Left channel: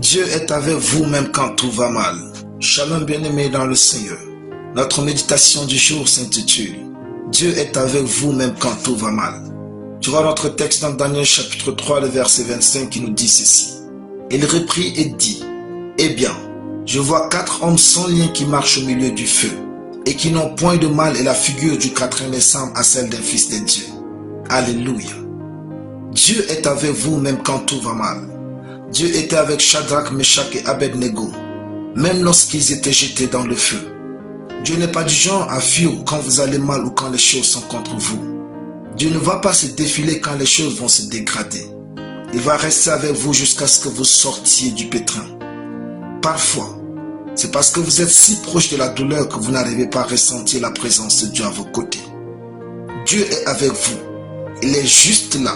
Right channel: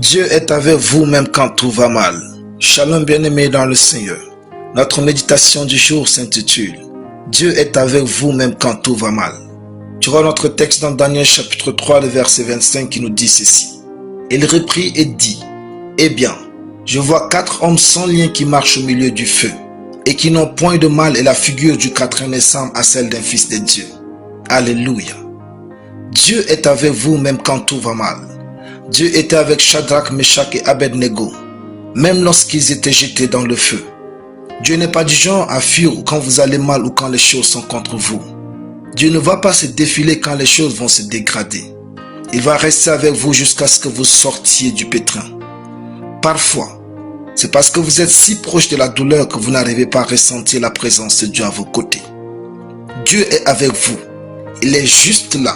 Dieu est avec vous même quand tout va mal. Shalom bien-aimés dans le Seigneur. Notre méditation du jour s'intitule Dieu est avec vous même quand tout va mal. Tu vois notre texte dans Daniel chapitre 3, le verset 25 qui nous dit ceci. Il reprit et dit, eh bien, je vois 4 hommes sans lien qui marchent au milieu du feu et qui n'ont point de mal et la figure du quatrième ressemble à celle d'un fils de Dieu. Alléluia. Dieu est avec vous même quand tout va mal. Dieu était avec Shadrach, Meshach et Abednego, même lorsqu'ils étaient jetés dans le feu. Dieu n'est pas du genre à fuir quand vous allez mal ou quand les choses sont contre vous. Dieu ne va pas se défiler quand les choses vont se dégrader. Il va rester avec vous jusqu'à ce que vous sortiez du pétrin. Parfois, c'est parce que vous êtes si proche de la douleur que vous n'arrivez pas à ressentir la présence de Dieu à vos côtés. Dieu est avec vous. Il est juste là,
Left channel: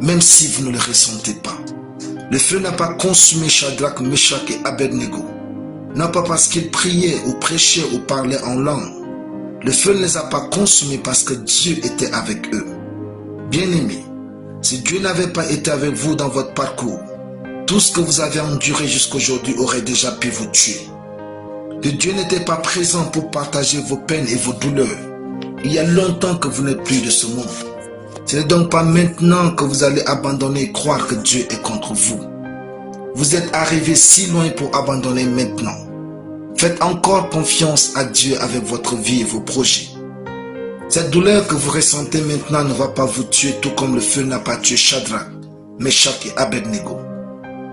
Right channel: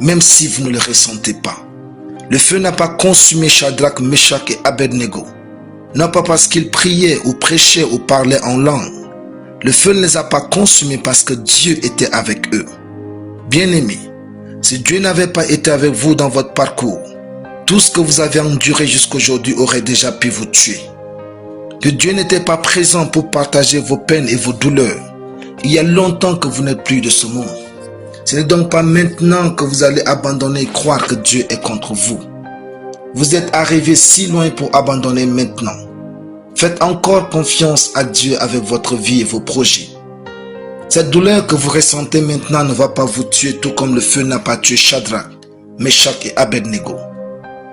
même si vous ne le ressentez pas. Le feu n'a pas consumé Shadrach, Meshach et Abednego. Non pas parce qu'ils priaient ou prêchaient ou parlaient en langue. Le feu ne les a pas consumés parce que Dieu était avec eux. Bien-aimés, si Dieu n'avait pas été avec vous dans votre parcours, tout ce que vous avez enduré jusqu'aujourd'hui aurait déjà pu vous tuer. Que Dieu n'était pas présent pour partager vos peines et vos douleurs, il y a longtemps que vous n'êtes plus de ce monde. Ce n'est donc pas maintenant que vous allez abandonner et croire que Dieu est contre vous. Vous êtes arrivé si loin pour abandonner maintenant. Faites encore confiance à Dieu avec votre vie et vos projets. Cette douleur que vous ressentez maintenant ne va pas vous tuer tout comme le feu n'a pas tué Shadrach, Meshach et Abednego.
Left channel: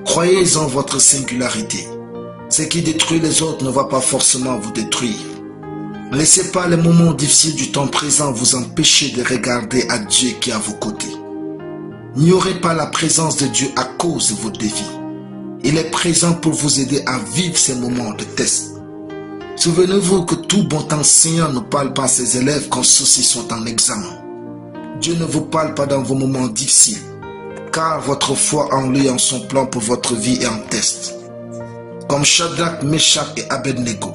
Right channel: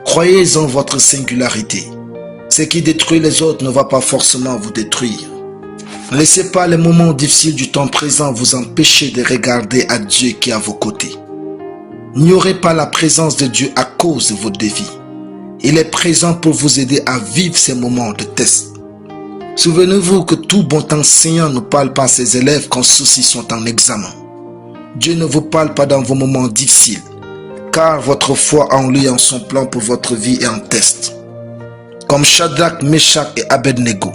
Croyez en votre singularité. Ce qui détruit les autres ne va pas forcément vous détruire. Ne laissez pas les moments difficiles du temps présent vous empêcher de regarder à Dieu qui est à vos côtés. N'ignorez pas la présence de Dieu à cause de vos défis. Il est présent pour vous aider à vivre ces moments de test. Souvenez-vous que tout bon enseignant ne parle pas à ses élèves quand ceux-ci sont en examen. Dieu ne vous parle pas dans vos moments difficiles, car votre foi en lui et en son plan pour votre vie est en test. Comme Shadrach, Meshach et Abednego,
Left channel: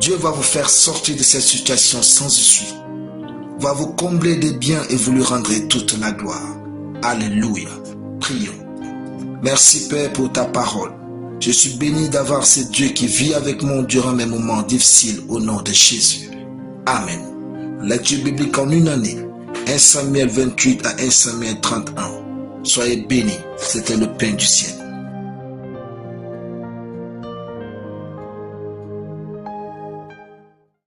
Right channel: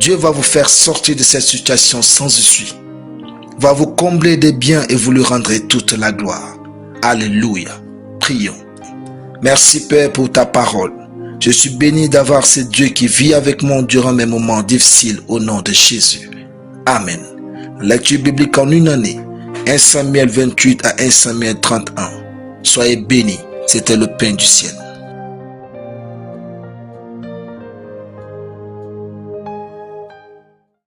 Dieu va vous faire sortir de cette situation sans issue, va vous combler des biens et vous lui rendrez toute la gloire. Alléluia. Prions. Merci Père pour ta parole. Je suis béni d'avoir ce Dieu qui vit avec moi durant mes moments difficiles au nom de Jésus. Amen. Lecture biblique en une année. 1 Samuel 28 à 1 Samuel 31. Soyez bénis. C'était le pain du ciel.